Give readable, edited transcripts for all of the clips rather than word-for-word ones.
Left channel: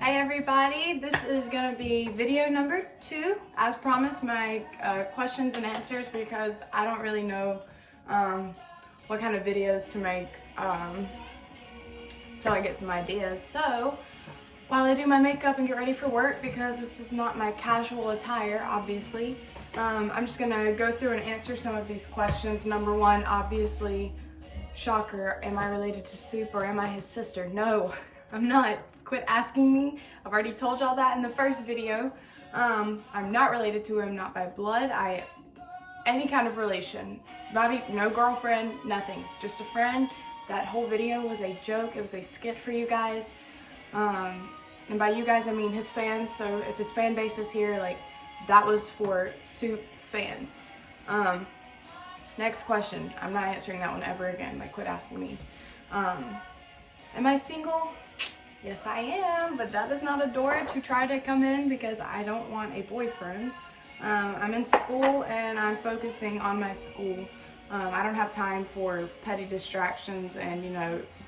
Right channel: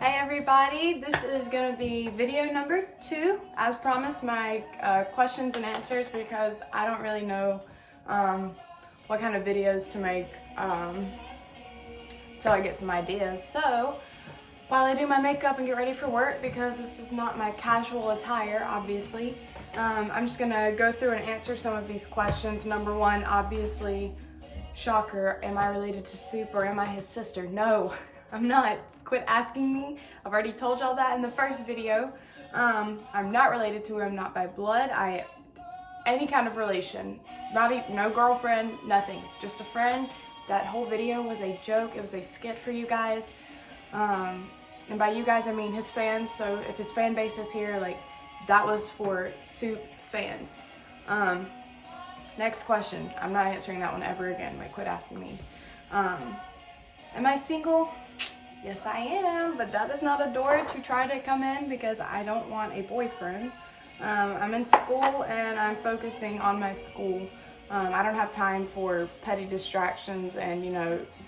Hi everybody, this is going to be video number 2. As promised, my questions and answers, because I don't really know what kind of videos to make until I get some ideas. So while I do my makeup and get ready for work, because this is not my casual attire, obviously, I'm just going to go through and answer some of these questions. Number 1, obviously, shocker, am I related to Soup or am I his sister? No, I'm not. Quit asking me. I've already told y'all that in the first video. I'm not related to him, not by blood. Any kind of relation. No girlfriend, nothing. Just a friend. That whole video was a joke. It was a skit for you guys. And by you guys, I mean his fans. So if his fan base is here, like, that was for Soup fans. Next question. I'm not answering that one ever again. Like, quit asking me. Am I single? Yes, I am, but that is not a door to try to come in because I don't want a boyfriend. I'm in school and I'm focusing on my school. I don't have time for petty distractions and,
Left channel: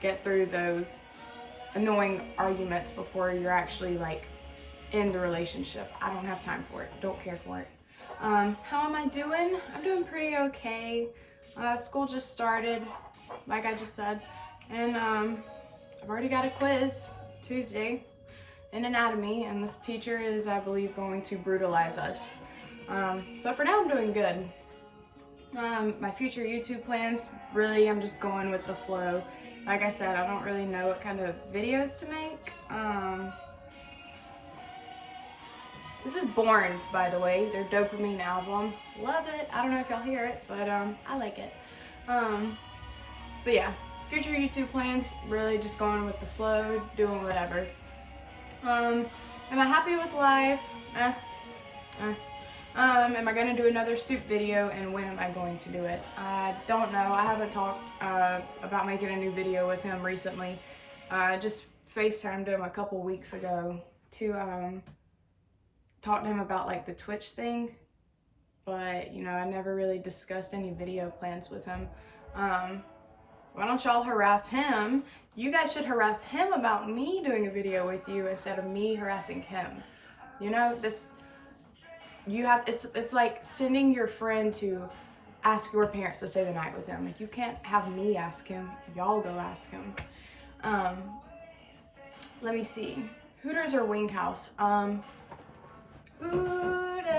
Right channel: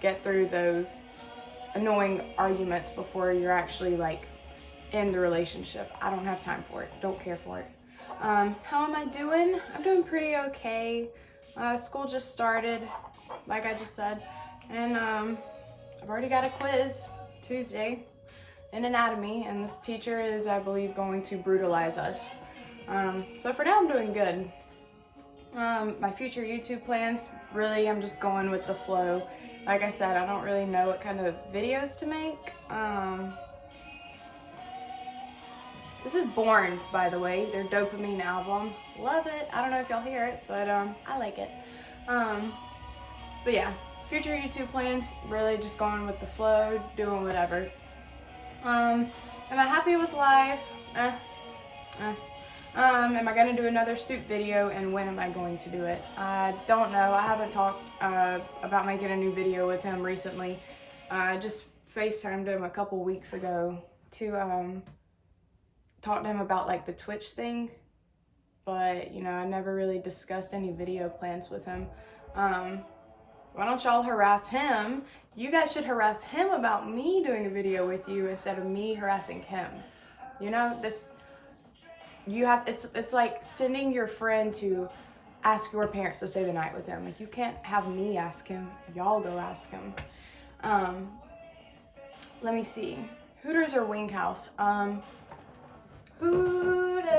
get through those annoying arguments before you're actually, like, in the relationship. I don't have time for it. Don't care for it. How am I doing? I'm doing pretty okay. School just started, like I just said, and I've already got a quiz Tuesday in anatomy, and this teacher is, I believe, going to brutalize us. So for now, I'm doing good. My future YouTube plans, really, I'm just going with the flow. Like I said, I don't really know what kind of videos to make. This is BØRNS, by the way, their Dopamine album. Love it. I don't know if y'all hear it, but I like it. But yeah. Future YouTube plans, really just going with the flow, doing whatever. Am I happy with life? Am I gonna do another Soup video, and when am I going to do it? I don't know. I haven't talked about making a new video with him recently. I just FaceTimed him a couple weeks ago to talk to him about, like, the Twitch thing. But, I never really discussed any video plans with him. Why don't y'all harass him? You guys should harass him about me doing a video with you instead of me harassing him. It's like sending your friend to ask your parents to stay the night with him. Like, you can't have me ask him. Y'all go ask him. Let me see. Hooters or Wing House? Hooters.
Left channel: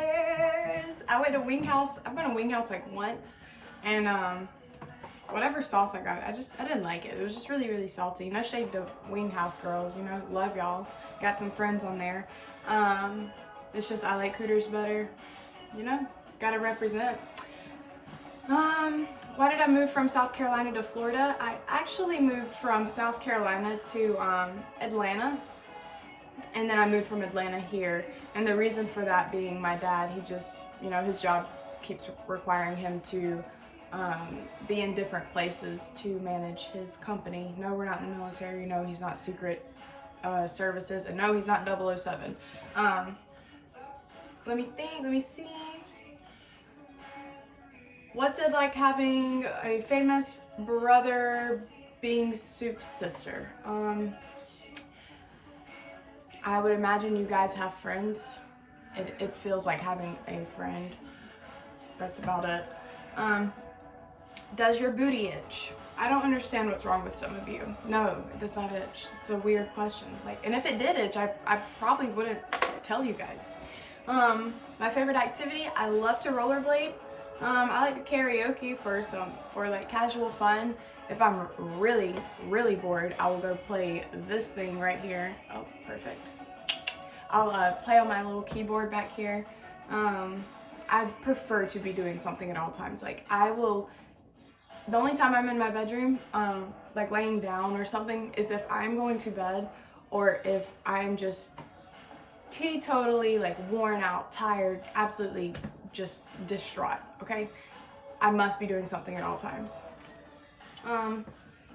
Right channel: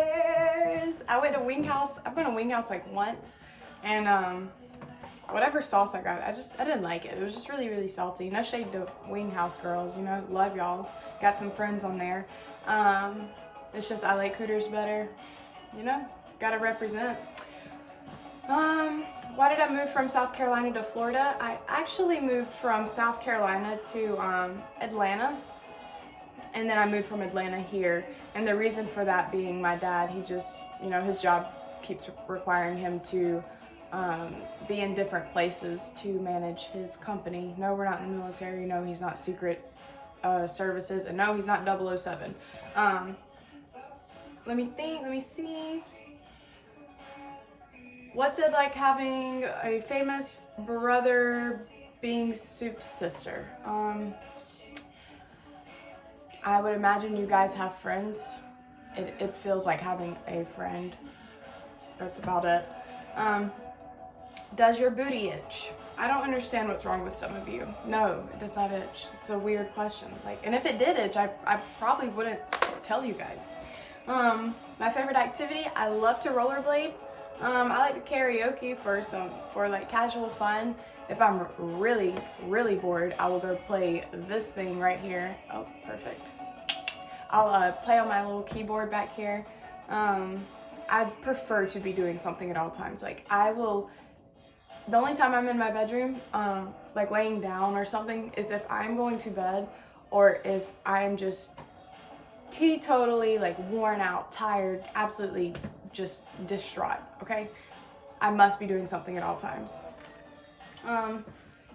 I went to Wing House. I've been to Wing House like once, and whatever sauce I got, I didn't like it. It was just really, really salty. No shade to Wing House girls, love y'all. Got some friends on there. It's just I like Hooters better. Gotta represent. Why did I move from South Carolina to Florida? I actually moved from South Carolina to Atlanta, and then I moved from Atlanta here. And the reason for that being my dad, he just, his job keeps requiring him to be in different places to manage his company. No, we're not in the military. No, he's not secret services. And no, he's not 007. Let me think. Let me see. What's it like having a famous brother being Soup's sister? I would imagine you guys have friends. It feels like having a friend. That's about it. Does your booty itch? I don't understand what's wrong with some of you. No, it does not itch. It's a weird question. And if it did itch, I probably wouldn't tell you guys. My favorite activity, I love to rollerblade. I like to karaoke for like casual fun. If I'm really, really bored, I will go play this thing right here. Oh, perfect. I'll play on my little keyboard back here. I prefer to be doing something at all times. Like, the only time I'm in my bedroom, like laying down or something, is if I'm going to bed or if I'm just teetotally, like, worn out, tired, absolutely just distraught, okay? I must be doing something at all times.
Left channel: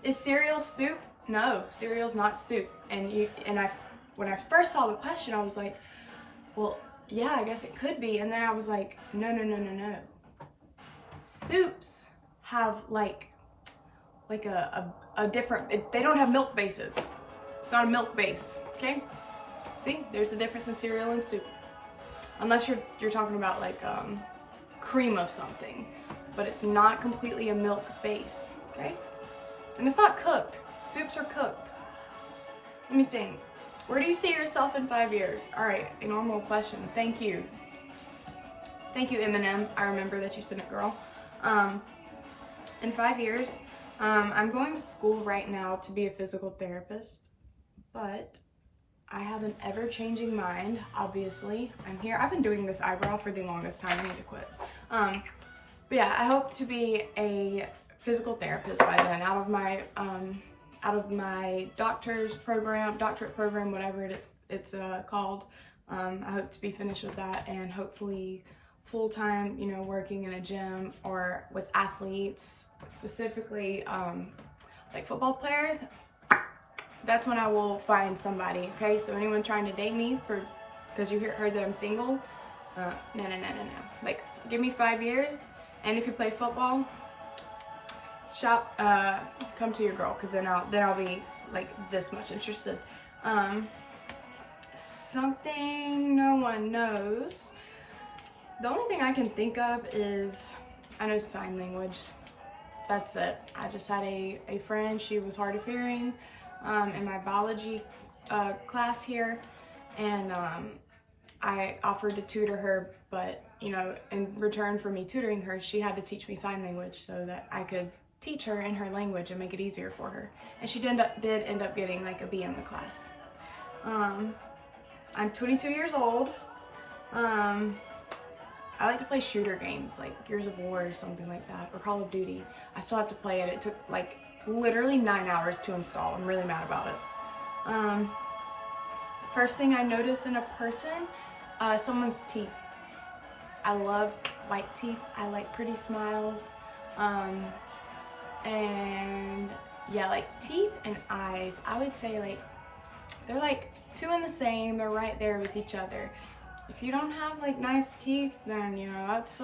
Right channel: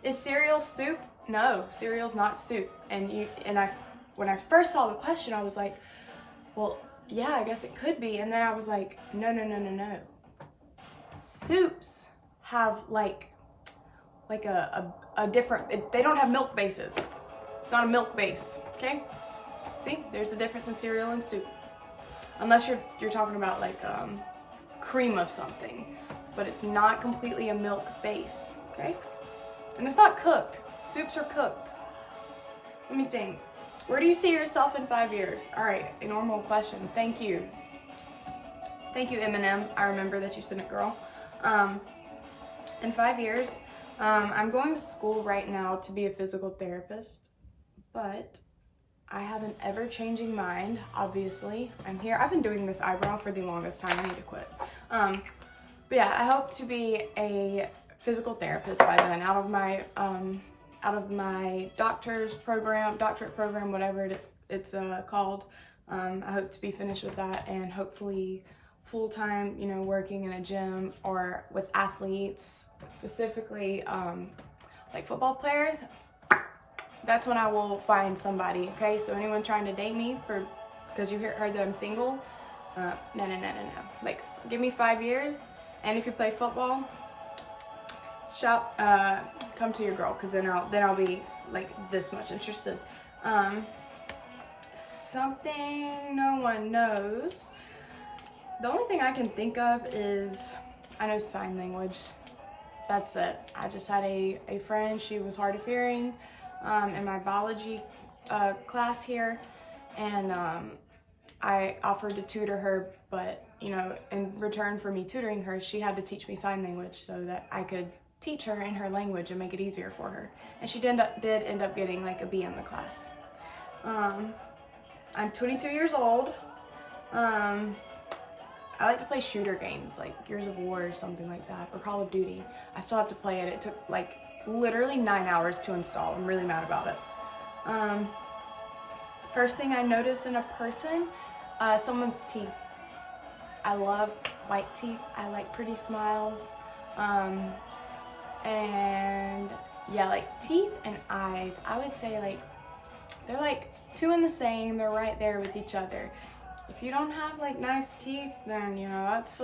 Is cereal soup? No, cereal's not soup. When I first saw the question, I was like, well, yeah, I guess it could be. And then I was like, no. Soups have like a different, they don't have milk bases. It's not a milk base, okay? See, there's a difference in cereal and soup. Unless you're talking about like cream of something, but it's not completely a milk base, okay? And it's not cooked. Soups are cooked. Let me think. Where do you see yourself in 5 years? All right, a normal question. Thank you. Thank you, Eminem. I remember that you sent it, girl. In 5 years, I'm going to school right now to be a physical therapist, but I have an ever-changing mind, obviously. I'm here. I've been doing this eyebrow for the longest time. I need to quit. But yeah, I hope to be a physical therapist by then, out of my doctorate program, whatever it's called. I hope to be finished with that and hopefully full-time, you know, working in a gym or with athletes, specifically like football players. That's when I will find somebody, okay? So anyone trying to date me because you heard that I'm single, no. Like, give me 5 years, and if you play football, come to your girl, because then I'll be like this much interested. Something no one knows. The only thing I can think of is, I know sign language. That's it. I just had a friend, she was hard of hearing in my biology class here, and I offered to tutor her, but you know, in return for me tutoring her, she had to teach me sign language so that I could teach her in her language and make it easier for her. And she did end up getting like a B in the class. I'm 22 years old. I like to play shooter games like Gears of War or something like that, or Call of Duty. I still have to play it. It took like literally 9 hours to install. I'm really mad about it. First thing I notice in a person, someone's teeth. I love white teeth. I like pretty smiles. And yeah, like teeth and eyes, I would say like they're like two in the same. They're right there with each other. If you don't have like nice teeth, then you know that's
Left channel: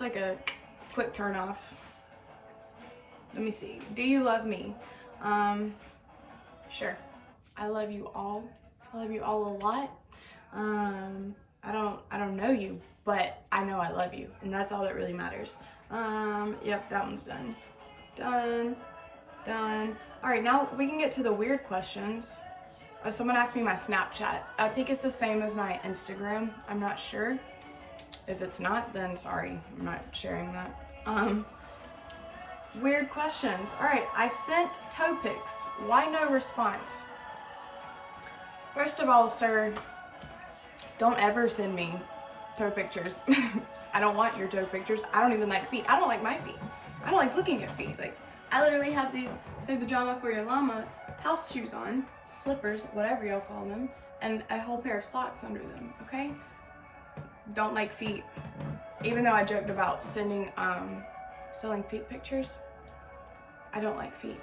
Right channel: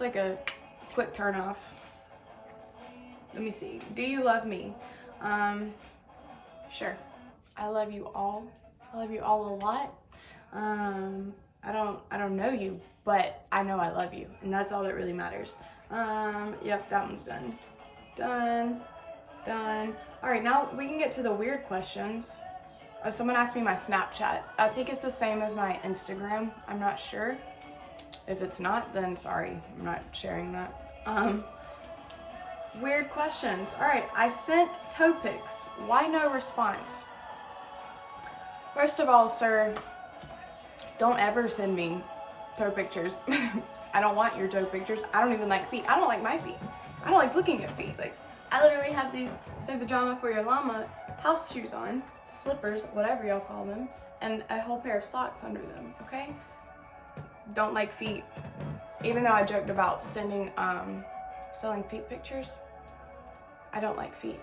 like a quick turn off. Let me see. Do you love me? Sure. I love you all. I love you all a lot. I don't know you, but I know I love you, and that's all that really matters. Yep, that one's done. Done. All right, now we can get to the weird questions. Someone asked me my Snapchat. I think it's the same as my Instagram. I'm not sure. If it's not, then sorry, I'm not sharing that. Weird questions. All right, I sent toe pics. Why no response? First of all, sir, don't ever send me toe pictures. I don't want your toe pictures. I don't even like feet. I don't like my feet. I don't like looking at feet. Like, I literally have these Save the Drama for Your Llama house shoes on, slippers, whatever y'all call them, and a whole pair of socks under them, okay? Don't like feet. Even though I joked about selling feet pictures, I don't like feet.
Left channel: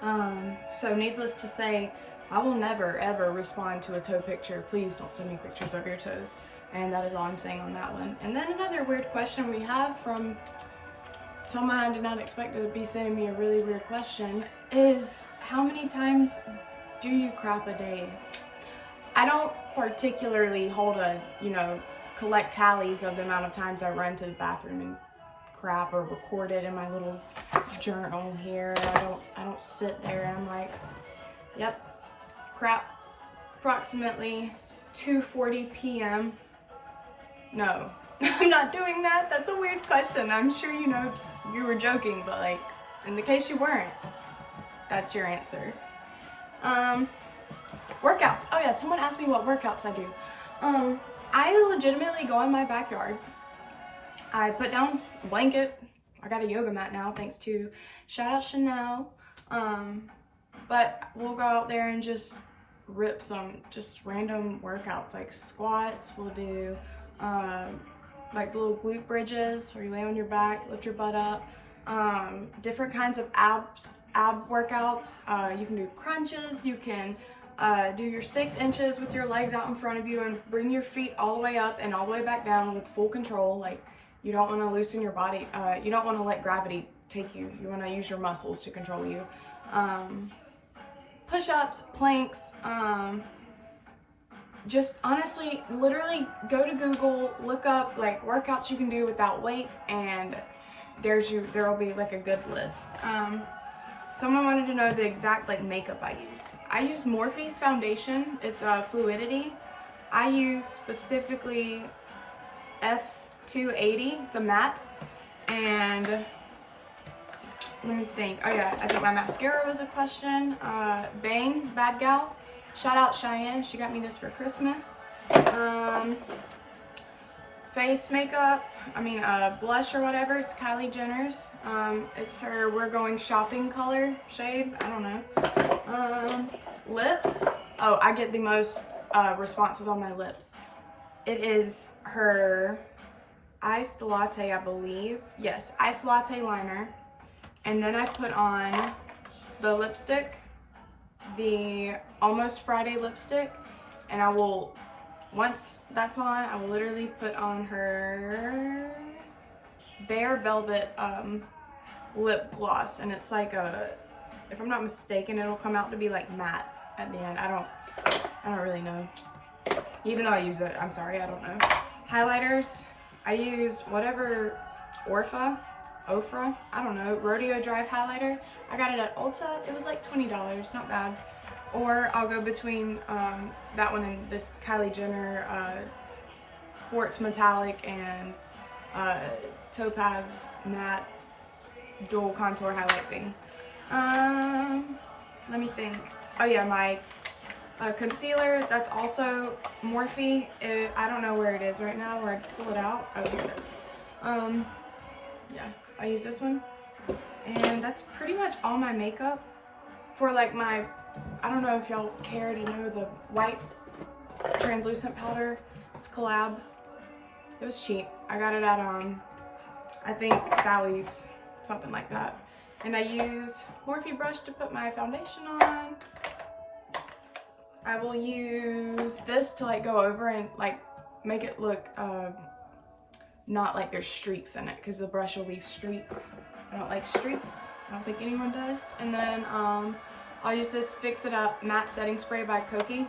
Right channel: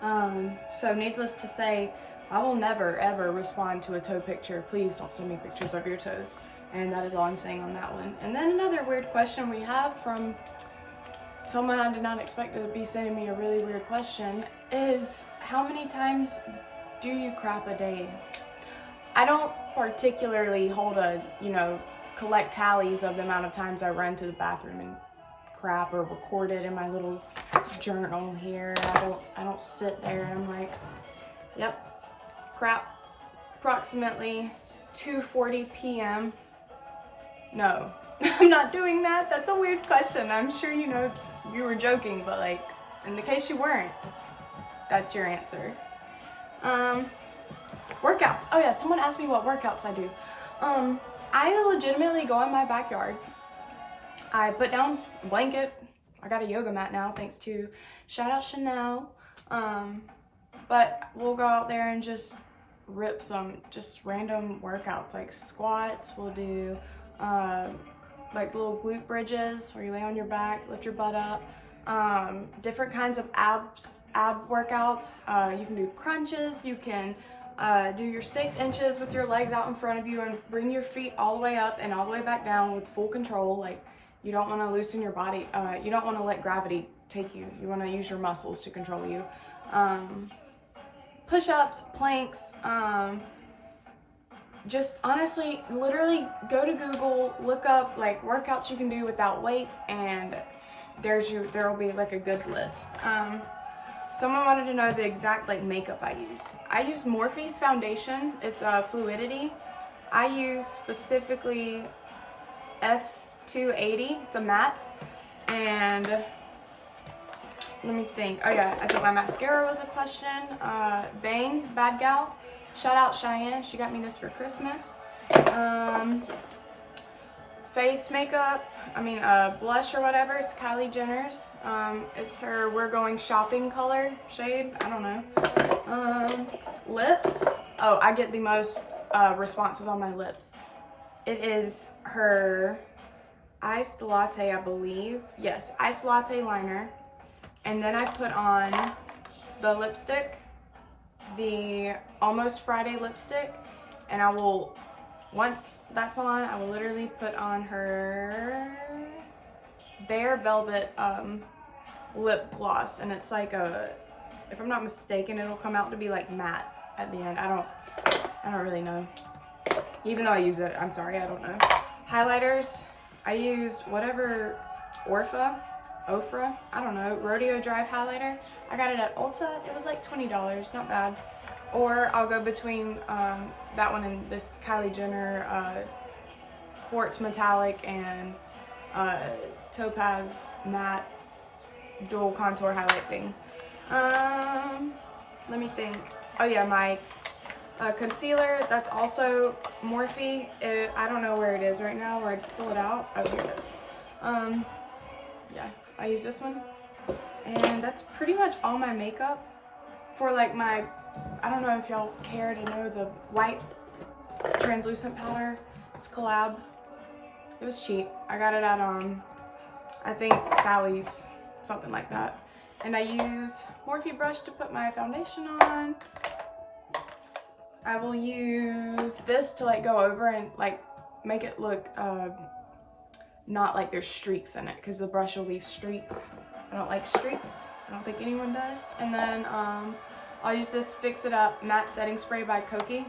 So needless to say, I will never ever respond to a toe picture. Please don't send me pictures of your toes. And that is all I'm saying on that one. And then another weird question we have from someone I did not expect to be sending me a really weird question is, how many times do you crap a day? I don't particularly hold collect tallies of the amount of times I run to the bathroom and crap, or record it in my little journal here. I don't sit there and I'm like, yep, crap, approximately 2:40 p.m. No, I'm not doing that. That's a weird question. I'm sure you know you were joking, but like, in the case you weren't, that's your answer. Workouts. Oh yeah, someone asked me what workouts I do. I legitimately go in my backyard. I put down a blanket. I got a yoga mat now, thanks to shout out Chanel. But we'll go out there and just rip some just random workouts, like squats. We'll do like little glute bridges where you lay on your back, lift your butt up. Different kinds of ab workouts. You can do crunches. You can do your 6 inches with your legs out in front of you and bring your feet all the way up and all the way back down with full control. Like, you don't want to loosen your body. You don't want to let gravity take you. You want to use your muscles to control you. push-ups, planks, just honestly, literally go to Google, look up like workouts you can do without weights, and there will be like a good list. Someone wanted to know the exact like makeup I use. I use Morphe's foundation. It's Fluidity. I use specifically F280. It's a matte. And let me think. Oh yeah, I think my mascara was a question. Bang, Bad Gal. Shout out Cheyenne. She got me this for Christmas. Face makeup, blush or whatever, it's Kylie Jenner's. It's her We're Going Shopping color shade, I don't know. Lips, oh, I get the most responses on my lips. It is her Iced Latte, I believe. Yes, Iced Latte liner. And then I put on the lipstick, the Almost Friday lipstick, and I will, once that's on, I will literally put on her Bare Velvet lip gloss, and it's like a, if I'm not mistaken, it'll come out to be like matte at the end. I don't really know. Even though I use it, I'm sorry, I don't know. Highlighters, I used whatever Ofra, I don't know, Rodeo Drive highlighter. I got it at Ulta. It was like $20, not bad. Or I'll go between that one and this Kylie Jenner Quartz Metallic and Topaz Matte Dual Contour Highlight thing. Let me think. Oh yeah, my concealer, that's also Morphe. I don't know where it is right now, where I'd pull it out. Oh, here it is. Yeah, I use this one. And that's pretty much all my makeup. For like my, I don't know if y'all care to know the white translucent powder. It's Collab. It was cheap. I got it at, I think Sally's, something like that. And I use Morphe brush to put my foundation on. I will use this to like go over and like make it look not like there's streaks in it, because the brush will leave streaks. I don't like streaks. I don't think anyone does. And then I'll use this Fix It Up matte setting spray by Cocky.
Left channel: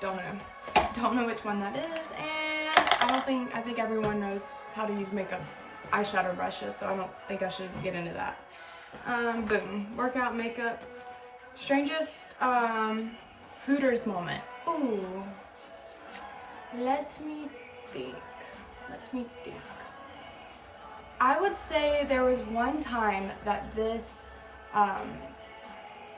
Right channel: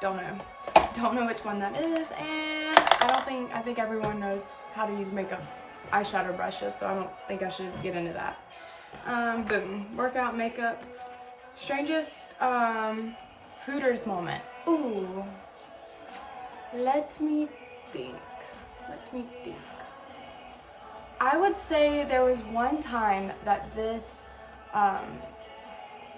Don't know which one that is, and I think everyone knows how to use makeup eyeshadow brushes, so I don't think I should get into that. Boom, workout, makeup. Strangest Hooters moment. Ooh, let me think. I would say there was one time that this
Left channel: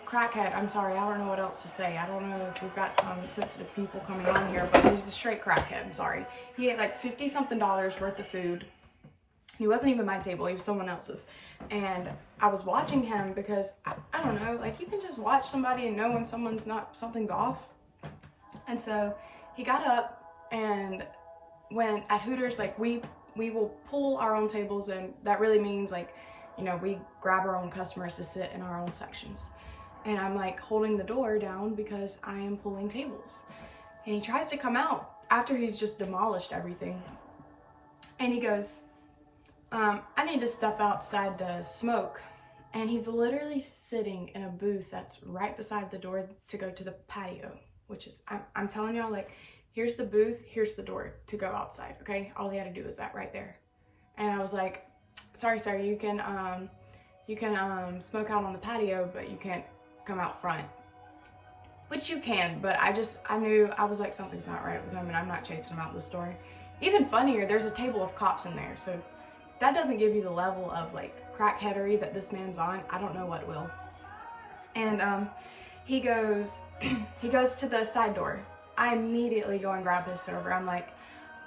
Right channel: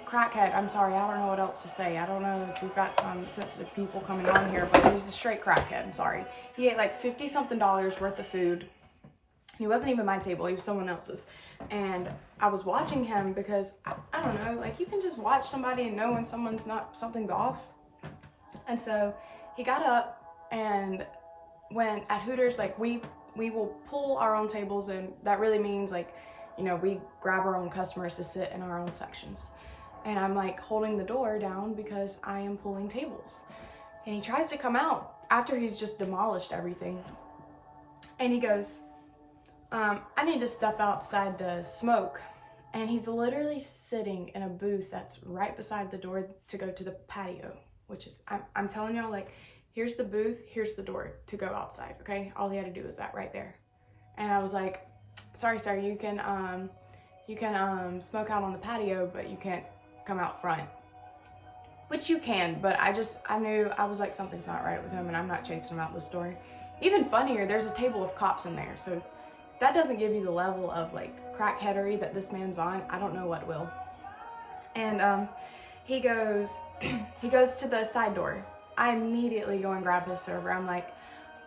Crackhead, I'm sorry, I don't know what else to say. I don't know if we've got some sensitive people coming on here, but he's a straight crackhead, I'm sorry. He ate like $50-something worth of food. He wasn't even my table, he was someone else's. And I was watching him because, I don't know, like you can just watch somebody and know when something's off. And so he got up, and when at Hooters, like we will pull our own tables, and that really means like, you know, we grab our own customers to sit in our own sections. And I'm like holding the door down because I am pulling tables. And he tries to come out after he's just demolished everything. And he goes, I need to step outside to smoke. And he's literally sitting in a booth that's right beside the door to go to the patio, which is, I'm telling y'all, like, here's the booth, here's the door to go outside, okay? All he had to do was that right there. And I was like, sorry, sir, you can smoke out on the patio, but you can't come out front. Which you can, but I knew, I was like, something's not right with him, and I'm not chasing him out the store. Even funnier, there's a table of cops in there, so that doesn't give you the level of like crackheadery that this man's on. I don't know what will. And he goes to the side door. I immediately go and grab his server. I'm like,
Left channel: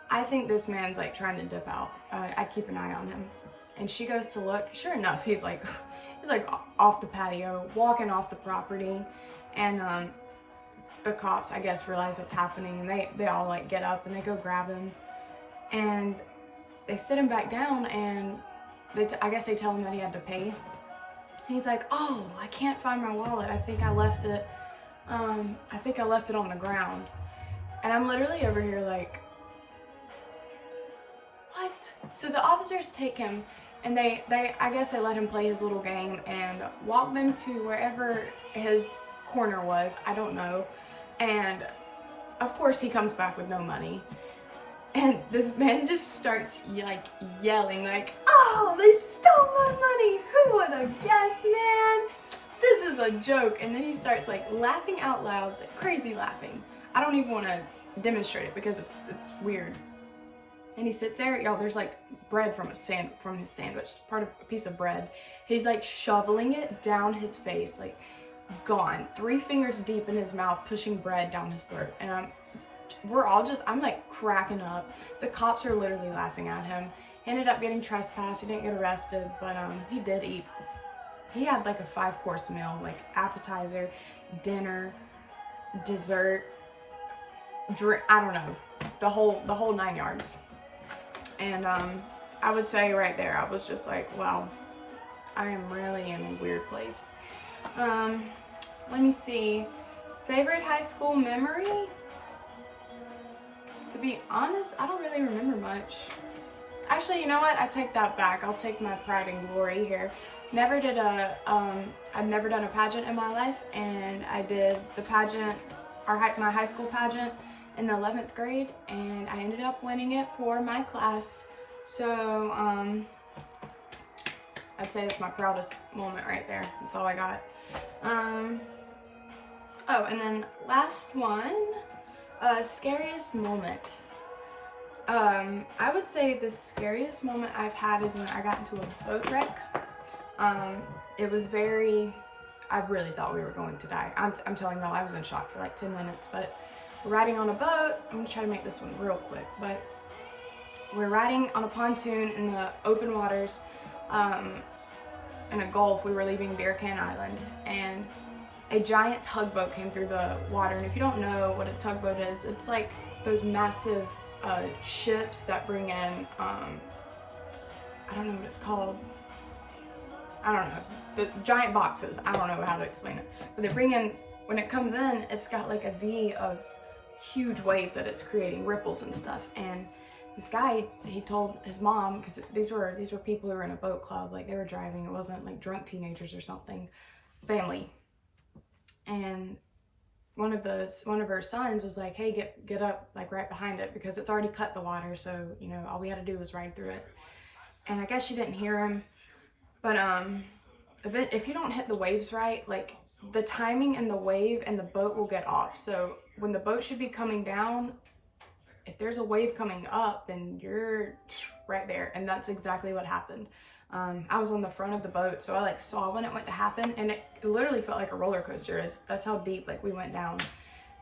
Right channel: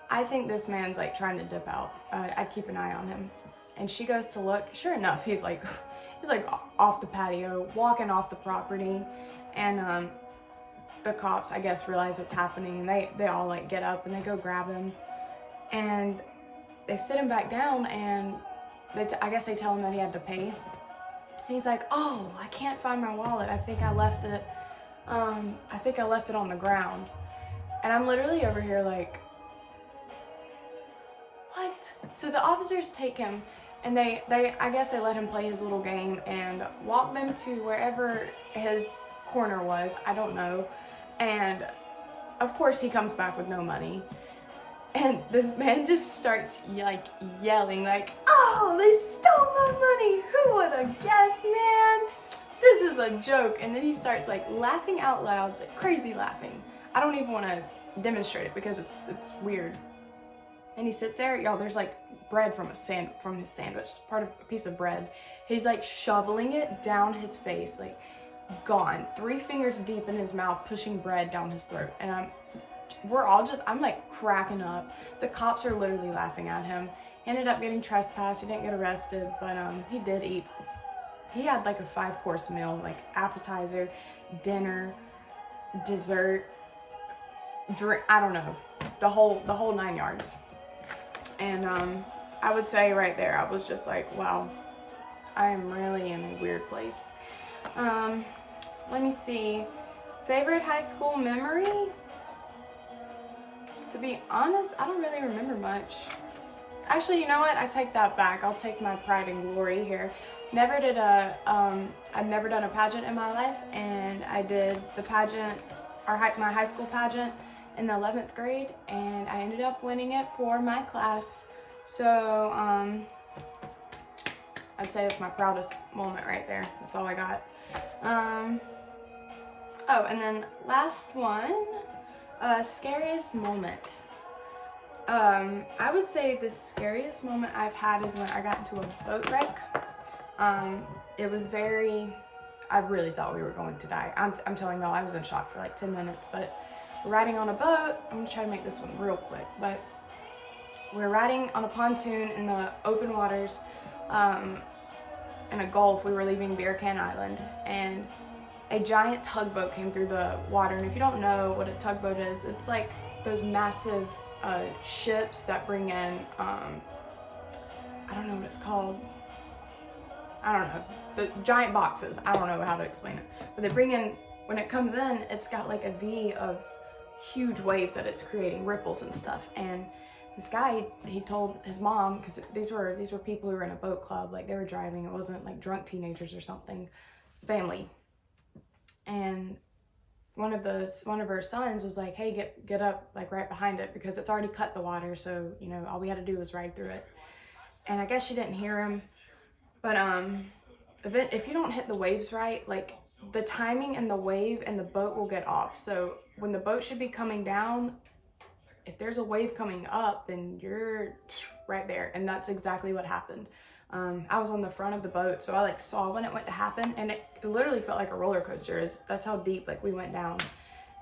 I think this man's like trying to dip out. I'd keep an eye on him. And she goes to look. Sure enough, he's like off the patio, walking off the property. And the cops, I guess, realize what's happening, and they all like get up and they go grab him. And they sit him back down, and I guess they tell him that he had to pay. And he's like, oh, I can't find my wallet. I think I left it on the ground. And I'm literally over here like, what? So the officers take him, And I guess they let him play his little game and walk them to wherever his corner was. I don't know. And of course he comes back with no money. And this man just starts like yelling like, "Oh, they stole my money. Who would have guessed, man? This is a joke." And then he starts like laughing out loud, like crazy laughing. I don't even want to demonstrate it because it's weird. And he sits there, y'all, there's like bread from his sandwich, part of a piece of bread. He's like shoveling it down his face, like gone, 3 fingers deep in his mouth, pushing bread down his throat. And I'm like cracking up. The cops are literally laughing at him. He ended up getting trespassed. He didn't get arrested, but he did eat. He had like a 5-course meal, like appetizer, dinner, dessert, drink, I don't know, the whole 9 yards. And I would say right there, I was just like, wow, I am really in a weird place. Let me see. Favorite high school memory? To be honest, I don't really remember much. Actually, you know what? I take that back. I'll take my pride and glory here. I've never done a pageant in my life, and I did the pageant, my high school pageant in the 11th grade, and I ended up winning it for my class. So, I'd say it's my proudest moment right there. That's all I got. Oh, and then last one, scariest moment. I would say the scariest moment I've had is when I got into a boat wreck. It was I really thought we were going to die. I'm telling y'all, I was in shock for like 10 minutes, but we're riding on a boat. I'm gonna try to make this one real quick, but we're riding on a pontoon in the open waters, in a gulf. We were leaving Beer Can Island, and a giant tugboat came through the water. And if you don't know what a tugboat is, it's like those massive ships that bring in, I don't know what it's called. I don't know. The giant boxes. I don't know how to explain it. But they bring in, when it comes in, it's got like a V of huge waves that it's creating, ripples and stuff. And this guy, he told his mom, because these were people who were in a boat club, like they were driving. It wasn't like drunk teenagers or something, family. And one of her sons was like, "Hey, get up like right behind it, because it's already cut the water, so you know all we had to do was ride through it." And I guess she didn't hear him, but if you don't hit the waves right, like the timing and the wave and the boat will get off. So when the boat should be coming down, if there's a wave coming up, then you're right there. And that's exactly what happened. I was on the front of the boat, so I like saw when it went to happen, and it literally felt like a roller coaster. That's how deep like we went down.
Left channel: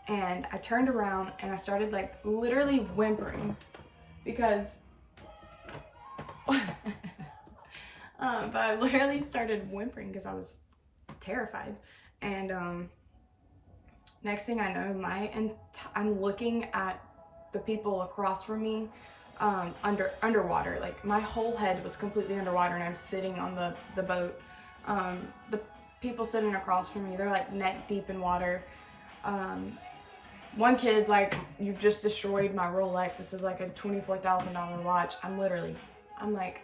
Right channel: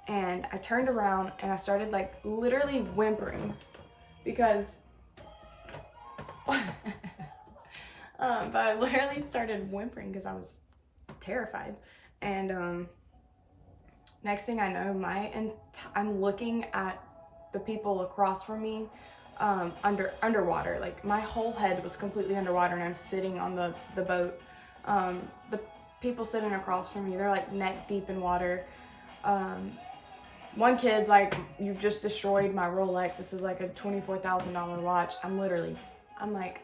And I turned around and I started like literally whimpering because but I literally started whimpering because I was terrified. And next thing I know, I'm looking at the people across from me underwater. Like my whole head was completely underwater, and I'm sitting on the boat. The people sitting across from me, they're like neck deep in water. One kid's like, "You've just destroyed my Rolex. This is like a $24,000 watch." I'm like,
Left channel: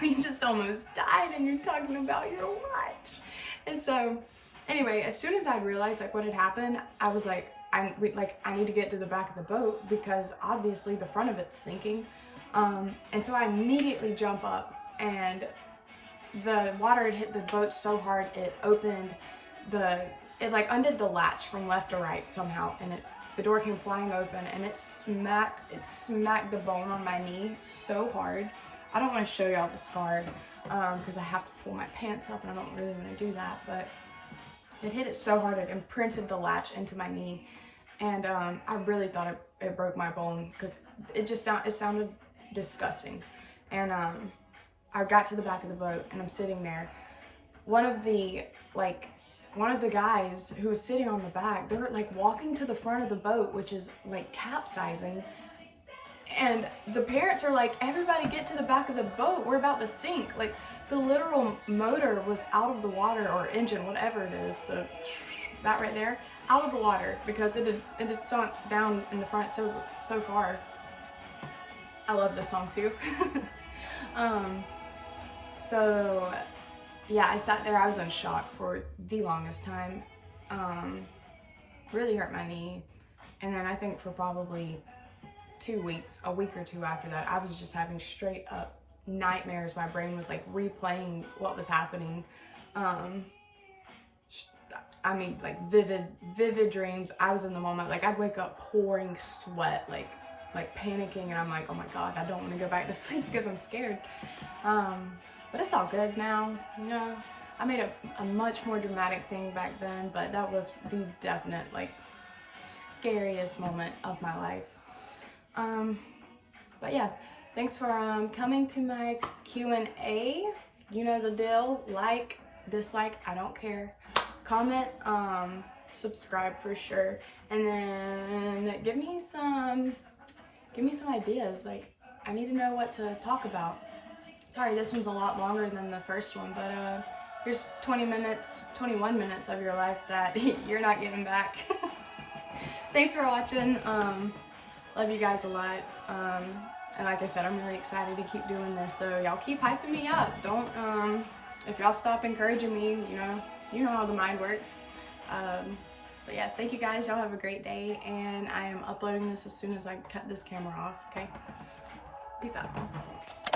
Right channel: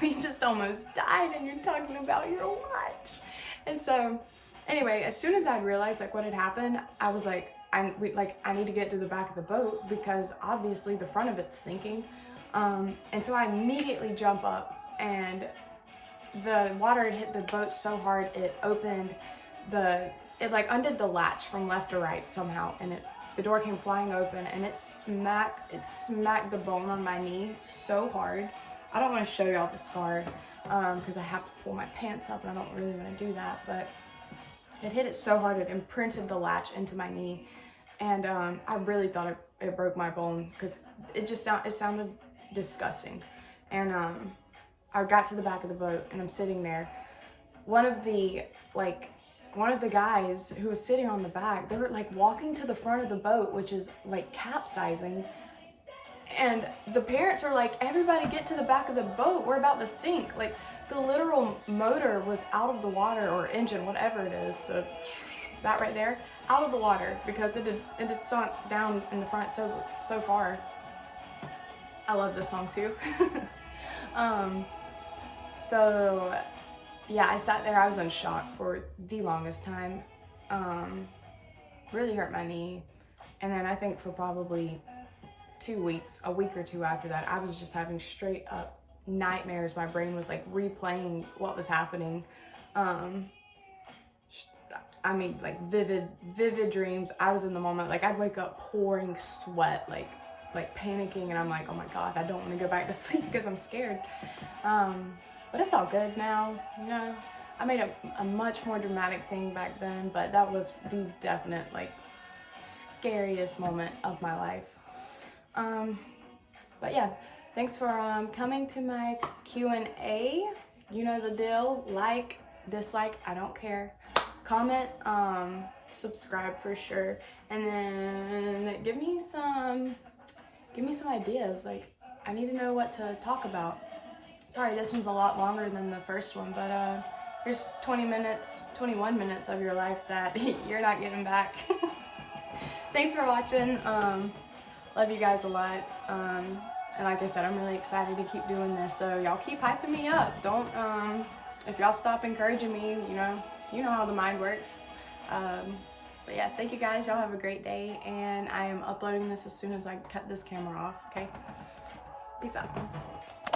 we just almost died and you're talking about your watch. And so anyway, as soon as I realized like what had happened, I was like, I need to get to the back of the boat because obviously the front of it's sinking. And so I immediately jump up, and the water had hit the boat so hard it opened it like undid the latch from left to right somehow, and the door came flying open, and it smacked the bone on my knee so hard. I don't want to show y'all the scar because I have to pull my pants up, and I don't really want to do that, but it hit it so hard it imprinted the latch into my knee. And I really thought it broke my bone because it sounded disgusting. And I got to the back of the boat, and I'm sitting there. One of the guys who was sitting on the back, they were like walking to the front of the boat, which is like capsizing. And the parents are like, "Everybody get to the back of the boat. We're about to sink." Like the literal motor was out of the water, or engine, whatever it is, that right there, out of the water because it had sunk down in the front so far. I love this song too. So yeah, I sat there, I was in shock for the longest time. Really hurt my knee. And then I think for probably 2 weeks, a week or two after that, I was just having straight up nightmares. My brain was like replaying what was happening. I mean, like vivid dreams. I was in the moment, like I'd wake up pouring sweat, like panicking, and I'm like, oh my God, I don't want to go back to sleep because I'm scared. But it's all good now, you know. I made a much more dramatic thing back then, but that was the definite, like, scariest moment of my life. But yeah, thanks for coming to my Q&A. You know the deal. Like, dislike, I don't care. Comment, subscribe for sure, and then give me some ideas. Like, I need to know what to talk about. Sorry, this one's a lot longer than the first one, but here's 21 minutes of your life that you're not getting back. Thanks for watching. Love you guys a lot. And like I said, I'm really excited to keep doing this, so y'all keep hyping me up. Don't, if y'all stop encouraging me, you know how the mind works. But yeah, thank you guys. Y'all have a great day, and I am uploading this as soon as I cut this camera off, okay? Peace out.